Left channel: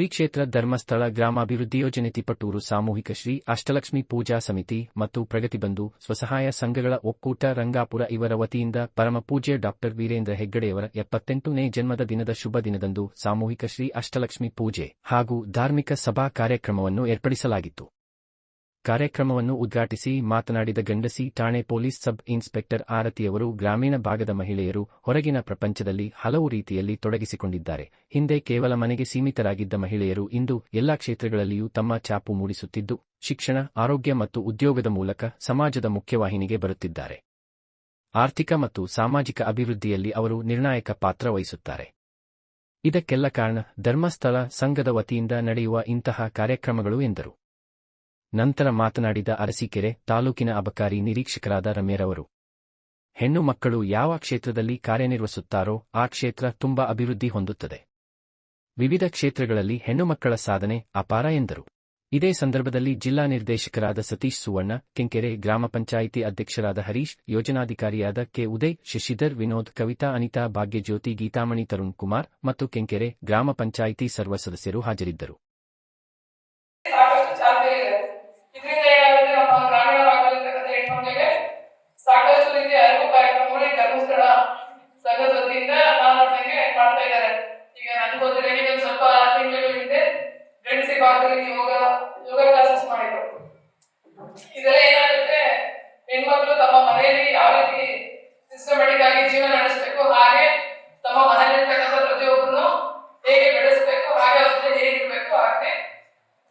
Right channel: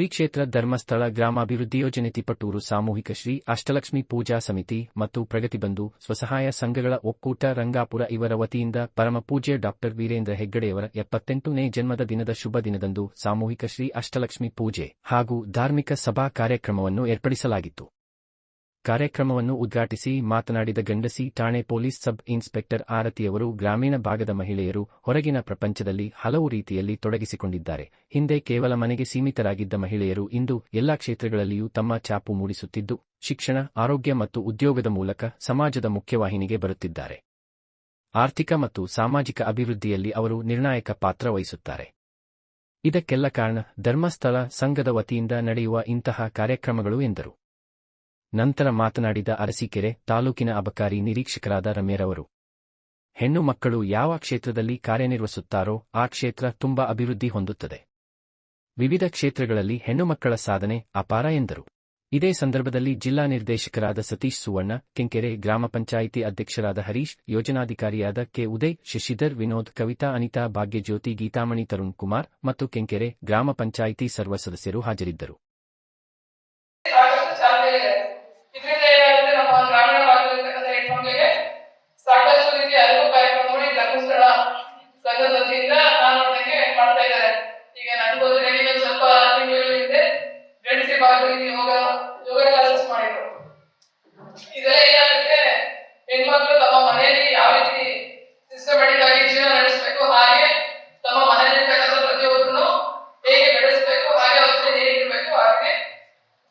ಶ್ರೀ ಕ್ಷೇತ್ರ ಧರ್ಮಸ್ಥಳ ಗ್ರಾಮಾಭಿವೃದ್ಧಿ ಯೋಜನೆ ತಿಪಟೂರು ಸಾಮೂಹಿಕ ಶ್ರೀ ಅಷ್ಟಲಕ್ಷ್ಮಿ ಪೂಜಾ ಸಮಿತಿ ಮತ್ತು ಪ್ರಗತಿಬಂಧು ಸ್ವಸಹಾಯ ಸಂಘಗಳ ಒಕ್ಕೂಟ ರಂಗಾಪುರ ಇವರ ವತಿಯಿಂದ ಪರಮಪೂಜ್ಯ ಡಾಕ್ಟರ್ ವೀರೇಂದ್ರ ಹೆಗ್ಗಡೆಯವರ ಎಪ್ಪತ್ತೆಂಟನೇ ಜನ್ಮದ ದಿನದ ಶುಭ ದಿನದಂದು ಸಾಮೂಹಿಕ ಶ್ರೀ ಅಷ್ಟಲಕ್ಷ್ಮಿ ಪೂಜೆ ಹಾಗೂ ಧಾರ್ಮಿಕ ಸಭಾ ಕಾರ್ಯಕ್ರಮವನ್ನು ಏರ್ಪಡಿಸಲಾಗಿತ್ತು. ಕಾರ್ಯಕ್ರಮವನ್ನು ಉದ್ಘಾಟಿಸಿ ಮಾತನಾಡಿದ ಗಂಡಸಿ ಠಾಣೆ ಪೊಲೀಸ್ ಸಬ್ ಇನ್ಸ್ಪೆಕ್ಟರ್ ಆರತಿಯವರು ಗ್ರಾಮೀಣ ಭಾಗದ ಮಹಿಳೆಯರು ಹೊರಗಿನ ಪ್ರಪಂಚದಲ್ಲಿ ಹಲವು ರೀತಿಯಲ್ಲಿ ತೊಡಗಿಸಿಕೊಂಡಿದ್ದಾರೆ. ಹಿಂದೆ ಕೇವಲ ಮನೆಗೆ ಸೀಮಿತರಾಗಿದ್ದ ಮಹಿಳೆಯರು ಇಂದು ಎಲ್ಲಾ ಕ್ಷೇತ್ರಗಳಲ್ಲಿಯೂ ತಮ್ಮ ಛಾಪು ಮೂಡಿಸುತ್ತಿದ್ದು, ಶಿಕ್ಷಣ, ಆರೋಗ್ಯ ಮತ್ತು ಉದ್ಯೋಗದ ಮೂಲಕ ಸಮಾಜದ ಮುಖ್ಯವಾಹಿನಿಗೆ ಬರುತ್ತಿದ್ದಾರೆ. ಆರ್ಥಿಕ ಮತ್ತು ಸಾಮಾಜಿಕ ಅಭಿವೃದ್ಧಿಯಲ್ಲಿ ಅವರು ನಿರ್ಣಾಯಕ ಪಾತ್ರ ವಹಿಸುತ್ತಾರೆ. ಇದಕ್ಕೆಲ್ಲ ಕಾರಣ ಧರ್ಮಸ್ಥಳ ಸಂಘದ ವತಿಯಿಂದ ನಡೆಯುವ ಇಂತಹ ಕಾರ್ಯಕ್ರಮಗಳು ಎಂದರು. ನಂತರ ಮಾತನಾಡಿದ ಅರಸೀಕೆರೆ ತಾಲೂಕಿನ ಅಬಕಾರಿ ನಿರೀಕ್ಷಕರಾದ ರಮ್ಯರವರು ಹೆಣ್ಣು ಮಕ್ಕಳು ಯಾವ ಕ್ಷೇತ್ರದಲ್ಲಿ ಕಾರ್ಯನಿರ್ವಹಿಸುತ್ತಾರೋ ಆ ಕ್ಷೇತ್ರ ತುಂಬಾ ಅಭಿವೃದ್ಧಿ ಹೊಂದುತ್ತದೆ. ವಿವಿಧ ಕ್ಷೇತ್ರಗಳಲ್ಲಿ ಹೆಣ್ಣು ಮಕ್ಕಳ ಸಾಧನೆ ಅಪಾರ ಎಂದರು. ಇದೇ ಸಂದರ್ಭದಲ್ಲಿ ಜಿಲ್ಲಾ ನಿರ್ದೇಶಕರಾದ ಸತೀಶ್ ಸುವರ್ಣ, ಕೆಂಕೆರೆ ಗ್ರಾಮ ಪಂಚಾಯಿತಿ ಅಧ್ಯಕ್ಷರಾದ ಹರೀಶ್, ಯೋಜನಾಧಿಕಾರಿಯಾದ ಕೆ. ಉದಯ್, ಶಶಿಧರ್ ವಿನೋದ್, ಕವಿತಾ ಅನಿತಾ ಭಾಗ್ಯಜ್ಯೋತಿ, ಗೀತಾಮಣಿ ತರುಣ್ ಕುಮಾರ್ ಮತ್ತು ಕೆಂಕೆರೆ ಗ್ರಾಮ ಪಂಚಾಯಿತಿ ಸರ್ವ ಸದಸ್ಯರು ಹಾಜರಿದ್ದರು ಸಾಕಷ್ಟು ಚಾಲ್ತಿ ಇದೆ ಇದರಿಂದ ಏನಾಗುತ್ತೆ ನಮ್ಮ ಗ್ರಾಮೀಣ ಭಾಗದಲ್ಲಿರ್ತಕ್ಕಂಥ ಹೆಣ್ಮಕ್ಳಿಗೆ ಸಾಕಷ್ಟು ರೀತಿಯ ಅರಿವು ಕಾರ್ಯಕ್ರಮ ನೋಡಿ ಧರ್ಮಸ್ಥಳ ಸಂಘದ ವತಿಯಿಂದ ನಾನು ನೋಡ್ದಂಗೆ ಮಾಡ್ತಾ ಇದ್ದಾರೆ ಈಗ ನನಗೆ ಗೊತ್ತಿರಂಗೆ ಒಂದು ಸ್ವಲ್ಪ ತಿಂಗಳು ಹಿಂದೆ ಯೋಗ ಯೋಗ ಕ್ಲಾಸಸ್ ಮಾಡಿದ್ರು. ಇದೆಲ್ಲ ಏನಾಗುತ್ತೆ, ಹೆಣ್ಮಕ್ಳು ತಮ್ಮ ಮನೆಯಲ್ಲಿ ಯಾವ ರೀತಿ ಸಿಸ್ಟಮೆಟಿಕ್ ಆಗಿ ಜೀವನ ನಡೆಸಬೇಕು, ಹಾಗೆ ತಮ್ಮ ಮನೆಯಲ್ಲಿರ್ತಕ್ಕಂಥ ಪ್ರತಿಯೊಬ್ಬರನ್ನು ಹೇಗೆ ಬೆಳೆಸಬೇಕು, ಹಾಗೆ ಅವ್ರ ಹೇಗಿರ್ಬೇಕು, ಹಾಗೆ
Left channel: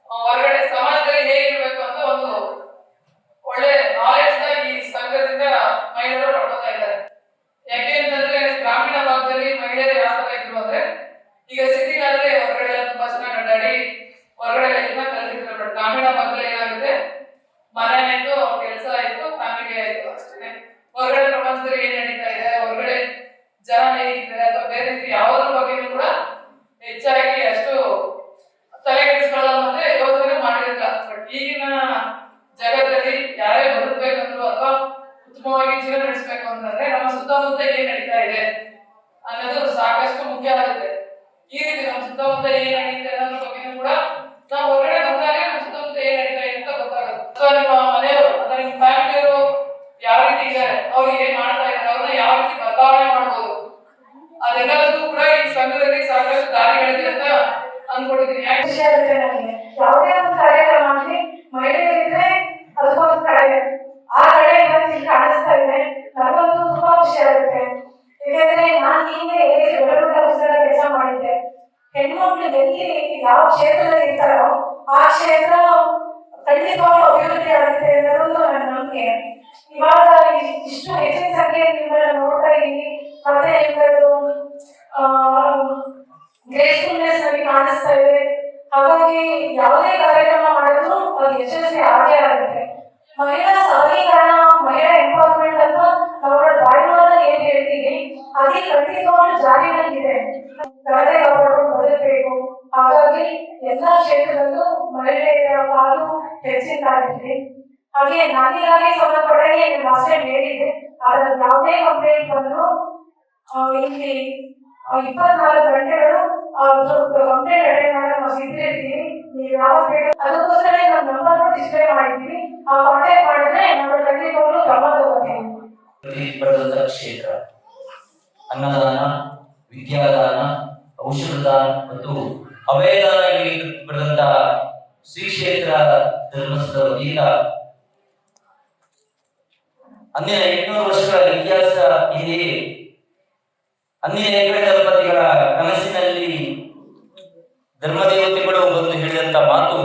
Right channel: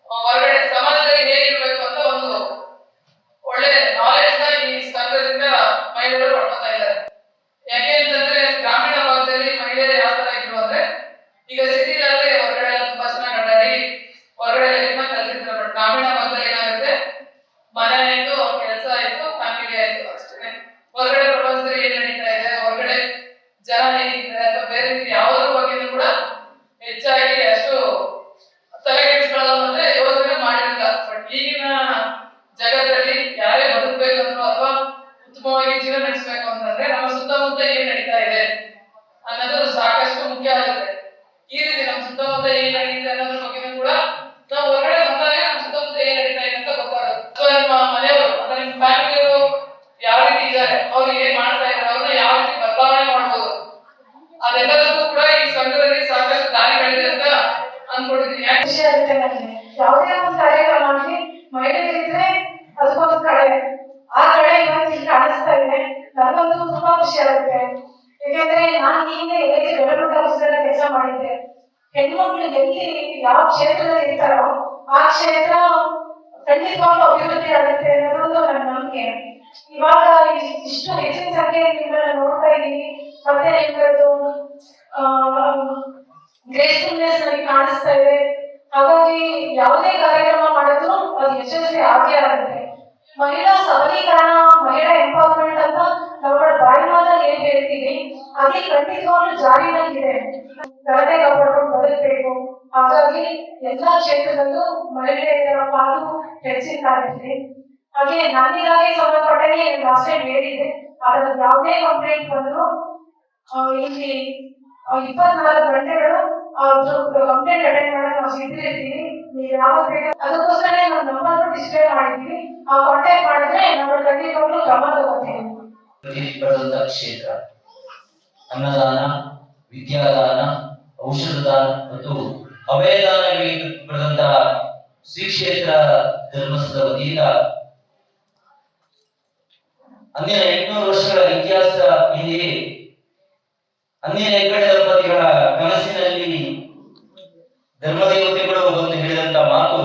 ಹೊರಗಡೆ ಸಮಾಜದಲ್ಲಿ ಹೇಗಿರ್ಬೇಕು ಅಂತ ಒಂದು ಒಳ್ಳೆ ನಾಲೆಜ್ನ ಈ ಸಂಘದಿಂದ ಮಹಿಳೆಯರು ಪಡ್ಕೊತಾ ಇದ್ದಾರೆ. ಯಾಕೆ ಅಂತಂದ್ರೆ, ಗ್ರಾಮೀಣ ಭಾಗದಲ್ಲಿ ಮಹಿಳೆಯರು ಯಾವ ತರ ಇದ್ರು ಅಂದ್ರೆ, ಈಗ ಸಿಟಿನಲ್ಲಿ ಹೊರಗಡೆ ಎಲ್ಲ ತುಂಬಾ ಚೆನ್ನಾಗಿ ಅಡ್ಡಾಡಿ ಹೊರಗಡೆ ಎಲ್ಲ ಇದನ್ನ ಕಲ್ತಿರ್ತಾರೆ ಬಟ್ ಗ್ರಾಮೀಣ ಭಾಗದಲ್ಲಿ ಏನಾಗುತ್ತೆ ಮನೆ ಆಯ್ತು ಕೆಲಸ ಆಯ್ತು ಫ್ಯಾಮಿಲಿ ಆಯ್ತು ಅಷ್ಟೇ ಹೊರಗಡೆ ಪ್ರಪಂಚದಲ್ಲಿ ಏನ್ ನಡೀತಾ ಇದೆ ಹೊರಗಡೆ ಜನ ಹೇಗಿದ್ದಾರೆ ಅಥವಾ ಬೇರೆ ರೀತಿ ಯಾವುದ್ರ ಬಗ್ಗೆನೂ ಕೂಡ ಹೆಚ್ಚಾಗಿ ಅಷ್ಟು ತಲೆ ಕೆಡಿಸ್ಕೊಳ್ಳೋ ಮತ್ತೆ ಯೋಚನೆ ಮಾಡಿರಲಿಲ್ಲ ಬಟ್ ಈಗಿನ ಜಗತ್ತಲ್ಲಿ ಯಾರೇ ಬದುಕಬೇಕಂದ್ರು ಅಥವಾ ಉತ್ತಮವಾಗಿ ಜೀವನ ನಡೆಸಬೇಕು ಅಂತಂದ್ರೆ ನಮ್ಮ ಸುತ್ತಮುತ್ತ ಏನ್ ನಡೀತಾ ಇದೆ ಅನ್ನೋದು ಸಾಕಷ್ಟು ಮುಖ್ಯ ಆಗುತ್ತೆ ಈ ರೀತಿ ನಮ್ಮ ಸುತ್ತಮುತ್ತ ಏನ್ ನಡೀತಿದೆ ಅನ್ನೋದ್ರ ಬಗ್ಗೆನೂ ಕೂಡ ನಾವು ಹೊರಗಡೆ ಬಂದಾಗ ನಮ್ಮ ಸುತ್ತಮುತ್ತ ಏನ್ ನಡೀತಾ ಇದೆ ಅಂತ ಗೊತ್ತಾಗುತ್ತೆ ಅಥವಾ ನಿಮ್ಮ ಮನೆಯವರು, ಅಥವಾ ನಿಮ್ಮ ಫ್ಯಾಮಿಲಿಯವರು ಯಾವ ರೀತಿ ಇದ್ದಾರೆ ಅವ್ರು ಏನ್ ಮಾಡ್ತಾ ಇದ್ದಾರೆ ಅವ್ರನ್ನ ಯಾವ ರೀತಿ ಬದಲಾವಣೆ ಮಾಡಬಹುದು ಅದೆಲ್ಲದಕ್ಕೂ ಕೂಡ ಈ ಸಂಘದಲ್ಲಿ ಸಾಕಷ್ಟು ದಾರಿಗಳಿದೆ ಅಂತ ಅನ್ಕೊಂಡಿದ್ದೀನಿ. ಖುಷಿ ಆಗುತ್ತೆ ನನಗೆ. ಯಾವುದೇ ಒಂದು ಕಾರ್ಯಕ್ರಮ ಆಗಲಿ ಮಹಿಳೆಯರಿದ್ರೆ ಅದಕ್ಕೊಂದು ಕಡೆ ಆ ಕಡೆ ಇಲ್ಲಿ ಕಾಣಿಸ್ತಾ ಇದೆ. ನನಗಂತೂ ತುಂಬಾ ಖುಷಿ ಆಗುತ್ತೆ. ಯಾಕೆಂದ್ರೆ ನಾನು ಹಿಂದೆ ಎಲ್ಲಿ ಬೆಳಗುಡ ಕೆಲಸ ಮಾಡಿದ್ದೆ ಹೆಣ್ಮಕ್ಳು ಎಲ್ಲಿ ಯಾವ ಕ್ಷೇತ್ರದಲ್ಲಿ ಇರ್ತಾರೋ, ಆ ಕ್ಷೇತ್ರ ಖಂಡಿತವಾಗ್ಲೂ ಅಭಿವೃದ್ಧಿ ಆಗುತ್ತೆ ಅನ್ನೋದು ನನ್ನ ನಂಬಿಕೆ. ಇವಾಗ ಇಷ್ಟು ಹೆಚ್ಚಿನ ಸಂಖ್ಯೆಯಲ್ಲಿ ನಿಮ್ಮನ್ನ ನೋಡ್ತಾ ಇದ್ದೀವಿ ಮತ್ತೆ ಇವರದ್ದು ಗ್ರೇಸ್ಫುಲ್ನೆಸ್ ನನಗೆ ಕಾಣಿಸ್ತಾ ಇದೆ. ಹಾಗಾಗಿ ಯಾವುದೇ ಕಾರ್ಯಕ್ರಮ ಮಾಡಿದ್ರು ಅದು ಯಶಸ್ವಿ ಆಗೇ ಆಗುತ್ತೆ. ಮಹಿಳಾ ಸಬಲೀಕರಣ, ಮಹಿಳಾ ಎಂಪವರ್ಮೆಂಟ್ ಅಂತ ನಾವು ಬಾಯಿ ಮಾತಲ್ಲಿ ಏನ್ ಹೇಳ್ತೀವಿ, ಅದೇ ಖಂಡಿತವಾಗ್ಲೂ ಜಾರಿನಲ್ಲಿದೆ ಗಲಭೆ ಕಾಪಾಡ್ಕೊಂಡು ಬದುಕಬೇಕು. ಹಾಗಾಗಿ ಎಲ್ಲಾ ಕ್ಷೇತ್ರದಲ್ಲೂ ಮಹಿಳೆಯರ ಪಾಲು ಹೆಚ್ಚಿದ್ದಾಗಿದೆ ಹಾಗೆ ನಂದಿಗಾಗಿ ಸಂಬಂಧಪಟ್ಟಂಗೆ ಲಾಸ್ಟ್ ಟೈಮ್ ಹೇಳಿದೆ ಅದರ ಯಾವುದೇ ಕಂಪ್ಲೇಂಟ್ ಬಂದ್ರು ಇಲ್ಲಿ ಇಪ್ಪತ್ನಾಲ್ಕು ಗಂಟೆಗಳು ಕಂಪ್ಲೇಂಟ್ ಅಟೆಂಡ್ ಮಾಡಲು ನಾವು ಸಿದ್ಧಿರ್ತೀವಿ ನೀವು ಯಾವಾಗ ಬೇಕು ಅದಕ್ಕೋಸ್ಕರ ನಾವು ನಂಬರ್ ಡಿಸ್ಪ್ಲೇ ಮಾಡಿದ್ವಿ ಆ ಕಾಂಟ್ಯಾಕ್ಟ್ ಮಾಡಿದ್ರೆ ನಮ್ಮ ಖಂಡಿತವಾಗ್ಲೂ ಗಮನ ತಗೋತೀವಿ ಪ್ರತಿಫಲದ ಕ್ಷೇತ್ರ, ಅನ್ನದಾನ, ವಿದ್ಯಾದಾನ, ಔಷಧದಾನ ಮತ್ತು ಅಭಯದಾನಗಳಿಗೆ ಬರೆದಂತಹ ಶ್ರೀ ಕ್ಷೇತ್ರ ವತಿಯಿಂದ ಅಂದಿನ ಎಂಟುನೂರು ವರ್ಷಗಳ ಇತಿಹಾಸ ಹಿಂದೆಯೇ ಹೆಗ್ಗಡೆ ದಂಪತಿಗಳ ಕನಸಿನಲ್ಲಿ ಧರ್ಮದೇವತೆಗಳು ಬಂದು ಹೇಳಿದಂತ ಮಾತು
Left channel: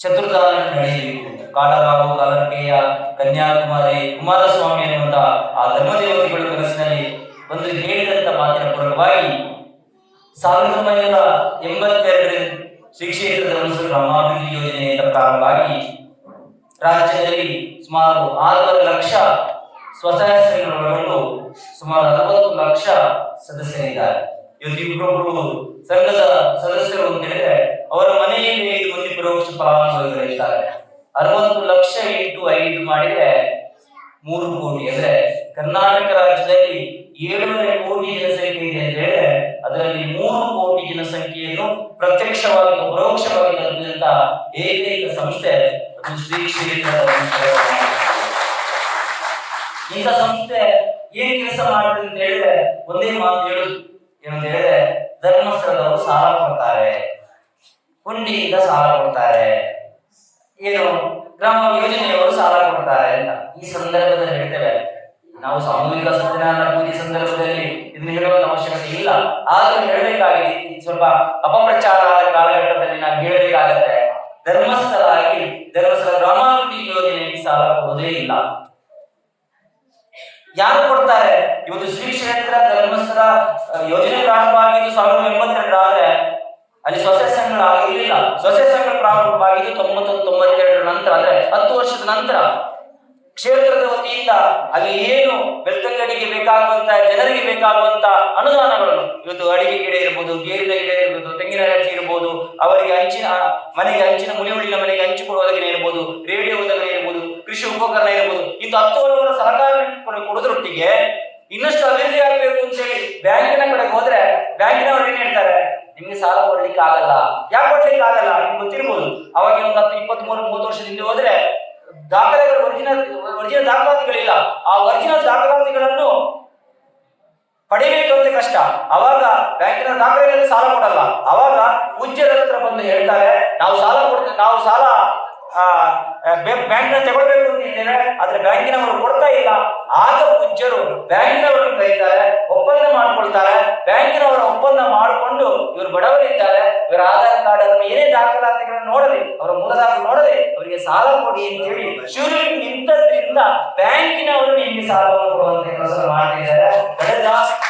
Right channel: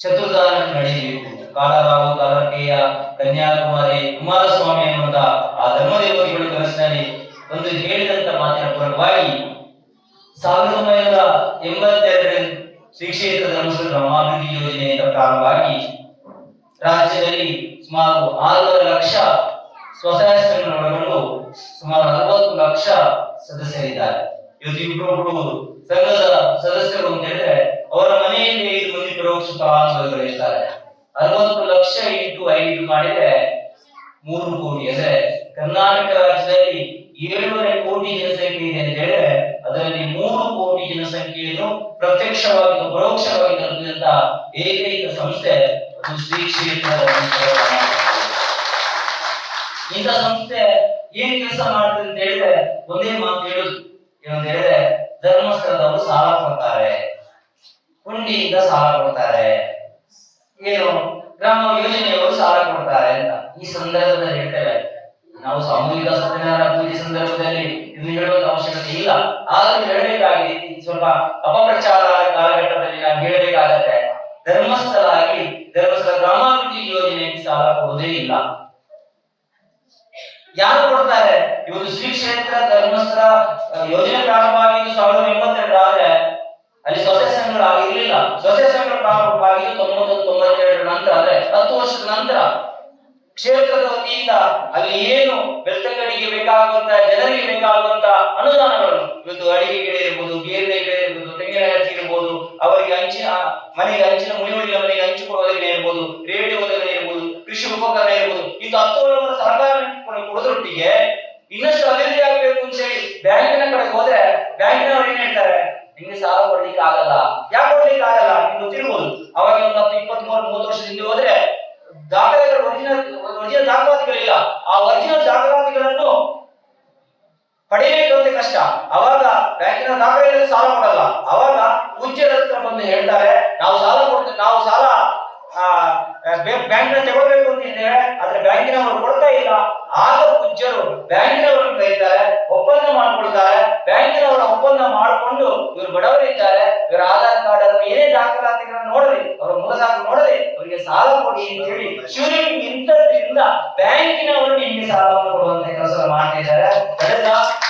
ಚತುರ್ಧಾರ ನಡೆಯಬೇಕು. ಕಾಲರಾವು ಕಾಲರ್ಕೆಯ ಕನ್ಯಾಕುಮಾರಿ ಕುಮಾರಸ್ವಾಮಿ ಅನ್ನುವಂತ ಆ ಧರ್ಮದೇವತೆಗಳು ಕನಸಿನಲ್ಲಿ ಒಂದು ಹೇಳಿದಂತ ಮಾತಿನ ಪೂರಕವಾಗಿ ಸಾವಿರದ ಒಂಬೈನೂರ ಎಂಬತ್ತೆರಡರ ಶ್ರೀ ಕ್ಷೇತ್ರ ಧರ್ಮಸ್ಥಳ ಗ್ರಾಮಾಭಿವೃದ್ಧಿ ಯೋಜನೆಯಿಂದ ಪ್ರಾರಂಭವಾಗಿ ರಾಜ್ಯದಲ್ಲಿ ಸುಮಾರು ಆರೂವರೆ ಲಕ್ಷ ಸ್ವಸಹಾಯ ಸಂಘಗಳನ್ನು ಸುಮಾರು ಅರವತ್ತು ಲಕ್ಷ ಸದಸ್ಯರಿದ್ದಾರೆ. ಇವತ್ತು ಇಬ್ಬರೊಬ್ರು ಸಂಘದ ಸದಸ್ಯರು ಅಂತ ಹೇಳಿದ್ರೆ ಅವರ ಮನೆಯಲ್ಲಿ ಐದು ಮಂದಿ ಪರೋಕ್ಷ ಫಲಾನುಭವಿಗಳು ಇರ್ತಾರೆ. ಅರವತ್ತು ಲಕ್ಷ ಇಂಟು ಐದು ಮಾಡಿದ್ರೆ ಮೂರು ಕೋಟಿ. ಅಂದ್ರೆ ಕರ್ನಾಟಕ ರಾಜ್ಯದಲ್ಲಿ ಏಳುವರೆ ಕೋಟಿ ಜನಸಂಖ್ಯೆ ಇದೆ ಅಂತ ಹೇಳಿದ್ರೆ ಅದರಲ್ಲಿ ಮೂರು ಕೋಟಿ ಜನಸಂಖ್ಯೆಯನ್ನು ಪ್ರತ್ಯಕ್ಷವಾಗಿ ಪರೋಕ್ಷವಾಗಿ ತಲುಪಿದಂತಹ ಏಕೈಕ ಸಂಸ್ಥೆ ಅದು ಶ್ರೀ ಕ್ಷೇತ್ರ. ಇಂಥ ಸಂಸ್ಥೆ ಏನ್ ಕೆಲಸ ಮಾಡ್ತದೆ ಅಂತ ಹೇಳಿದ್ರೆ ಒಂದೇ ಮಾತು ಹೇಳುದು. ಏನಂತ ಹೇಳಿದ್ರೆ, ಧರ್ಮಸ್ಥಳದವರು ಸಾಲ ಕೊಡ್ತಾರೆ. ಹುಂಡಿಯಿಂದ ಸಾಲ ಕೊಡ್ತಾರೆ. ಏನು ಗ್ರಾಮ ಯೋಜನೆಯವರು ಸಾಲ ಕೊಡ್ತಾರೆ ಅಂತ ಈ ಸಂದರ್ಭದಲ್ಲಿ ಹೇಳ್ತೇವೆ. ನಾವು ಸಾಮೂಹಿಕ ಸತ್ಯನಾರಾಯಣ ಪೂಜೆ ಸಂದರ್ಭದಲ್ಲಿ ಇದನ್ನ ಹೇಳುವಂತ ಅವಶ್ಯಕತೆ ಇಲ್ಲ. ಆದ್ರೂ ಹೇಳಬೇಕಾಗಿದೆ, ಸ್ವಲ್ಪ ಅಪಪ್ರಚಾರ ಆದ ಕಾಲಘಟ್ಟದಲ್ಲಿ ನಾವು ಹೇಳಬೇಕಾಗತ್ತೆ. ಧರ್ಮಸ್ಥಳ ಆಗಿ ಧರ್ಮಸ್ಥಳ ಗ್ರಾಮಾಭಿವೃದ್ಧಿ ಯೋಜನೆಯಲ್ಲಿ ಸಾಲ ಕೊಡುವುದೇ ಇಲ್ಲ. ಯಾರು ಕೊಡ್ತಾರೆ? ಇವತ್ತು ಶ್ರೀ ಕ್ಷೇತ್ರ ಧರ್ಮಸ್ಥಳ ಯೋಜನೆ ಪ್ರಾರಂಭ ಆಗಿದ್ದು ಸಾವಿರದ ಎಂಬತ್ತೆರಡು ಆದ್ರೆ ಅಲ್ಲಿ ಸ್ವಸ್ಯ ಸಂಘಗಳು ಆಗಿರ್ಲಿಲ್ಲ. ಸೊಸೈಟಿ ಸಂಘಗಳು ಪ್ರಾರಂಭ ಆಗಿದ್ದು ತೊಂಬತ್ತು ತೊಂಬತ್ತೆರಡರ ನಂತರ, ಅಂದ್ರೆ ಹತ್ತು ವರ್ಷದ ನಂತರ ಕ್ಷೇತ್ರದ ವತಿಯಿಂದ ಅಲ್ಲಿ ಏನು ಬೆಳ್ತಂಗಡಿಗೆ ಬೇಕಾಗುವಂತ, ಜನರಿಗೆ ಬೇಕಾಗುವಂತ ಅನುದಾನಗಳನ್ನು, ಇವತ್ತು ಅಡಿಗೆ ಗಿಡ ಇರ್ಬೋದು ಬೇರಿನ ಗಿಡ ಇರ್ಬೋದು, ತೆಂಗಿನ ಇರ್ಬೋದು, ಅವರಿಗೆ ಹಂಚಿನ ಮನೆಗೆ ಹಂಚಿನ ಮುಳಿ ಮನೆಗೆ ಹಂಚಿಕೊಡುವುದಕ್ಕೆ ಇರ್ಬೋದು, ರೇಡಿಯೋ ಕೃಷಿ ಉಪಕರಣ ಇರಬಹುದು ಇಂದು ಹತ್ತು ಹಲವಾರು ಸರ್ಕಾರ ಕೊಡೋದ್ರೊಟ್ಟಿಗೆ ಇನ್ನಷ್ಟು ಅಭಿವೃದ್ಧಿ ಆಗಬೇಕು ಅಂತ ಹೇಳಿ ಬ್ಯಾಂಕಿನ ಕಡೆಗೆ ಹೋದ್ರೆ ಬ್ಯಾಂಕಿನವ್ರು ಏನ್ ಹೇಳ್ತಾರೆ? ನಿಮ್ಗೆ ಸಾಲ ಕೊಡ್ಲಿಕ್ಕೆ ಆಗಲ್ಲ. ಯಾಕೆ ಕೊಡ್ಲಿಕ್ಕೆ ಆಗಲ್ಲ? ನಿಮ್ಗೆ ಗೊತ್ತಿರ್ಬೋದು. ಅವಾಗ ಒಂದು ಹತ್ತು ಇಪ್ಪತ್ತ್ ಮೂರು ಮೂವತ್ತು ವರ್ಷದ ಹಿಂದೆ ಹೋದ್ರೆ ದಾಖಲೆಗಳು ಒರಿಜಿನಲ್ ಒರಿಜಿನಲ್ ದಾಖಲಾತಿಗಳಿಲ್ಲ. ಆ ಒರಿಜಿನಲ್ ದಾಖಲಾತಿಗಳನ್ನು ಪಡಿಬೇಕು ಅಂತ ಕಷ್ಟ. ಅವಾಗ ಬ್ಯಾಂಕಿನ ದಾಖಲೆಗಳಲ್ಲಿ ಸಾಲ ಕೊಡಲ್ಲ. ಅವಾಗ ಪೂಜ್ಯರ ಹತ್ರ ಬಂದು ಹೇಳ್ತಾರೆ, ನಾವು ಸಾಲ ಕೊಡ್ತೇವೆ ನಾವು ಸಾಲ ಬ್ಯಾಂಕಿನ ತಗೊಳ್ಬೇಕು ಅಂತ ಹೇಳಿದರೆ ಆದ್ರೆ ಬ್ಯಾಂಕಿನವರು ಕೊಡ್ತಾ ಇಲ್ಲ. ಆಗ ಪೂಜ್ಯರು ಬ್ಯಾಂಕಿನವರನ್ನು ಕರೀತಾರೆ, ಒಪ್ಪಂದ ಮಾಡ್ಕೊಳ್ತಾರೆ. ಬ್ಯಾಂಕಿನವರು ಒಪ್ಪಂದ ಮಾಡಿಕೊಂಡು ಇವರು ಬಡವರಿದ್ದಾರೆ, ಇವರ ಆಧಾರ್ ಕಾರ್ಡ್ ಅಥವಾ ಏನೇ ದಾಖಲಾತಿಗಳನ್ನು ನೋಡಲಿ, ಅವರ ಮೂಲ ನೋಡದೆ ಅವರಿಗೆ ಸಾಲ ಕೊಡಿ ಅಂತ ಹೇಳಿ ಶಿವರಿಗೆ ನಿಂತದ್ರಿಂದ ಬ್ಯಾಂಕಿನವರು ನಿಮಗೆ ಸಾಲವನ್ನು ಕೊಡುವಂತ ಕೆಲಸ ಮಾಡ್ತಿದ್ದಾರೆ.